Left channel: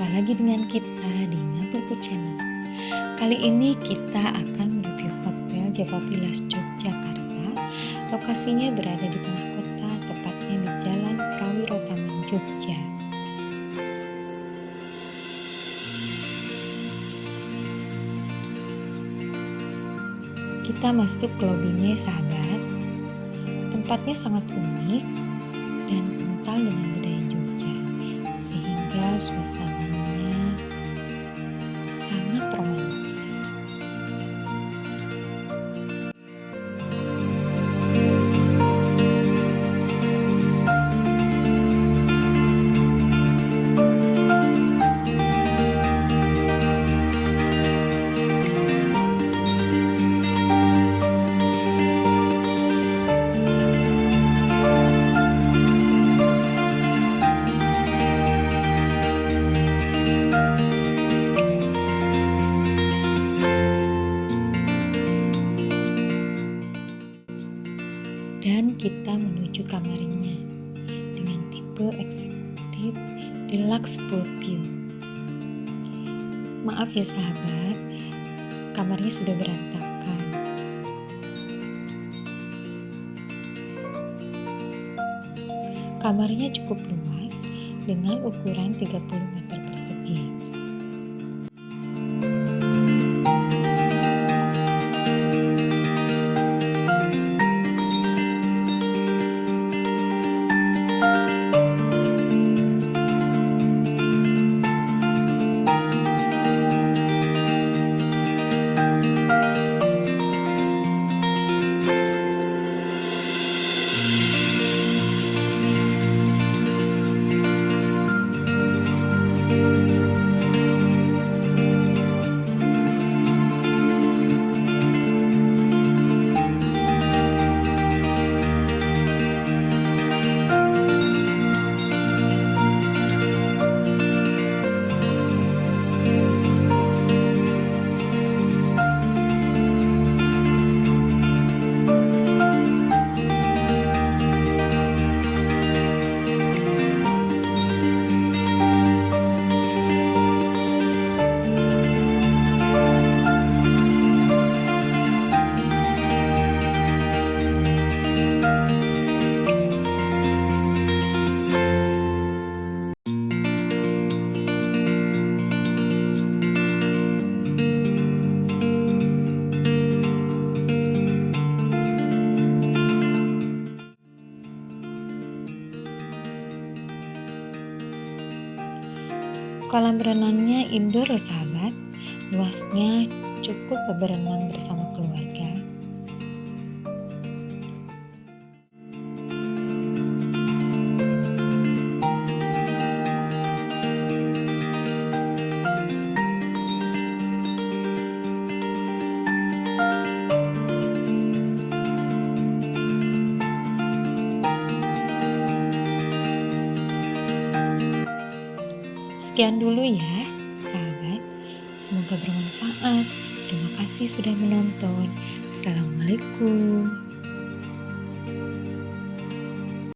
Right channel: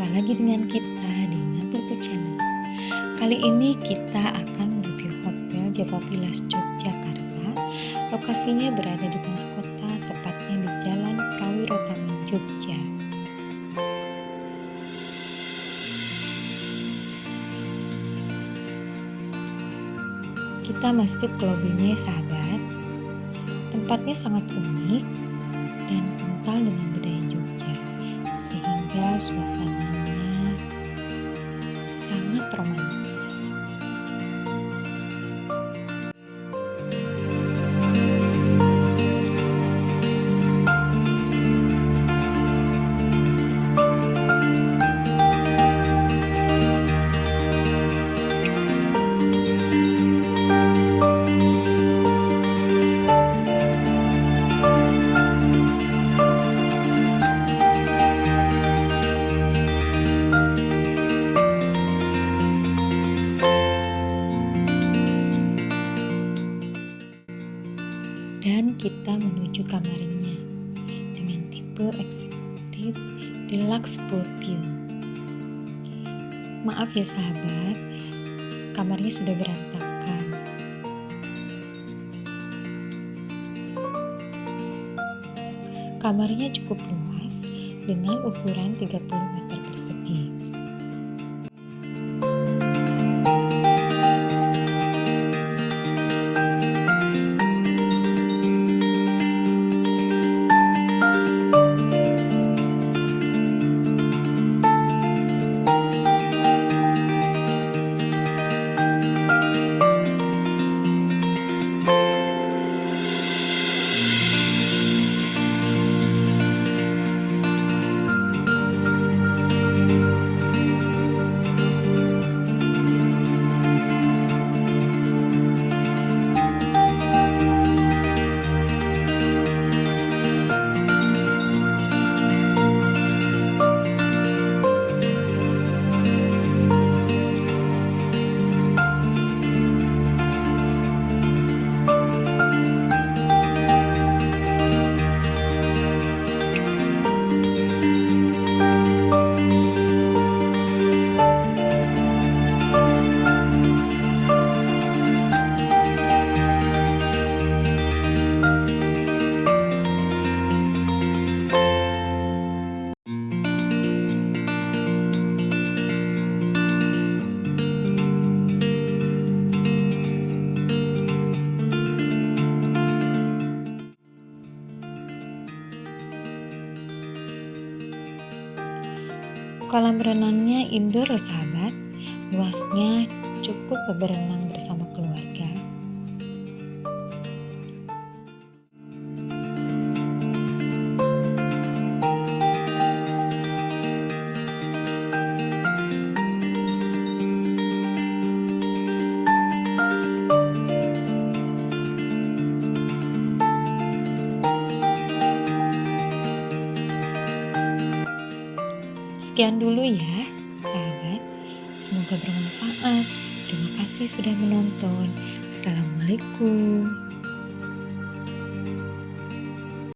Jumpa lagi dengan kita di Ngabelku Channel. Kali ini kita akan mereview Hotel Java Villas Yogyakarta. Lokasinya berada di tengah kota, tepatnya di Jalan Prawiro Taman, Jogja. Kita masuk ke lobinya, sahabat. Tempatnya sangat unik dan kental dengan budaya Jogja, sehingga suasananya sangat romantis. Dan kita menuju kamarnya dengan tipe eksekutif deluxe pool view. Maaf ya sahabat, kamarnya sudah berantakan. Kamarnya cukup luas dengan ukuran 30 meter persegi. Kolam renangnya indoor loh sahabat, luasnya cukup berenang bersama keluarga. Sekian dulu ya sahabat, semoga bermanfaat. Terima kasih sudah menonton. Assalamualaikum.